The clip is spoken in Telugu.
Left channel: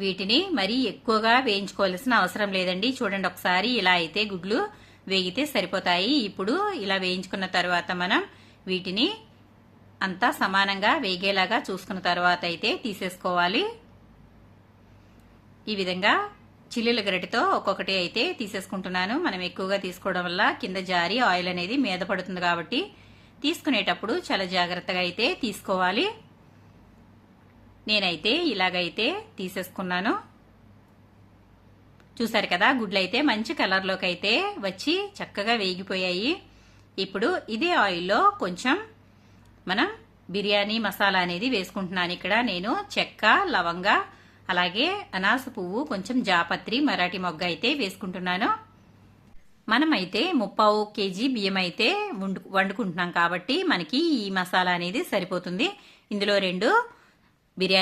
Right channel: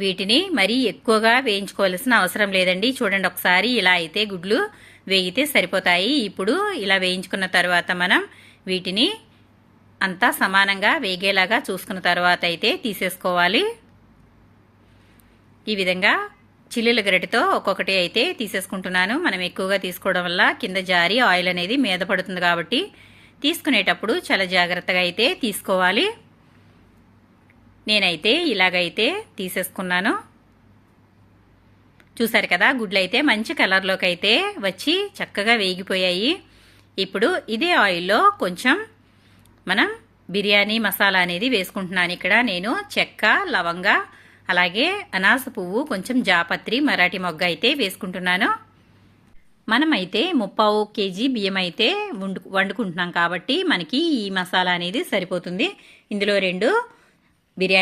వీటిని మరీ ఎక్కువగా వేయించుకోవాల్సిన అవసరం లేదండి. చూడండి ఒకసారి ఇలా అయితే గుడ్లు వేగితే సరిపోతాయి. ఇప్పుడు ఇలా వేయించుకున్న తర్వాత మనం వీటిని అంతా సమానంగా వేగేలాగా చూసుకున్న తర్వాత అయితే తీసేసుకోవాలి. ఈ విధంగా చిల్లుల గరిటెతో ఒక్కొక్కటి అయితే తీసేసుకుంటున్నాను. మనం ఎక్కువగా తీసుకోవడం వల్ల కింద జారి ఆయిల్ అనేది మీద పడుతుంది కాబట్టి తీసుకునేటప్పుడు చాలా జాగ్రత్తగా అయితే తీసుకోవాలి. నేనైతే ఇలాగైతే తీసేసుకున్నాను. చూసారు కదా, గుడ్లు అయితే మంచి కలర్లోకి అయితే వచ్చి చక్కగా వేగిపోయాయి. ఇప్పుడు ఇదే ఆయిల్లో కొంచెం మనం బిర్యానీ మసాలా అనేది వేసుకుంటున్నాను. ఇక్కడ నేను చెక్క, లవంగ, అలాగే అనాస పువ్వు, కొంచెం జాపత్రి, మరాఠీ మొగ్గ అయితే వేసుకుంటున్నాను. మనమైతే 3/4 kg బియ్యం అయితే వండుకుంటున్నాం కాబట్టి మనకి ఈ మసాలా అనేది సరిపోతుంది. ఇందులో 2 బిర్యానీ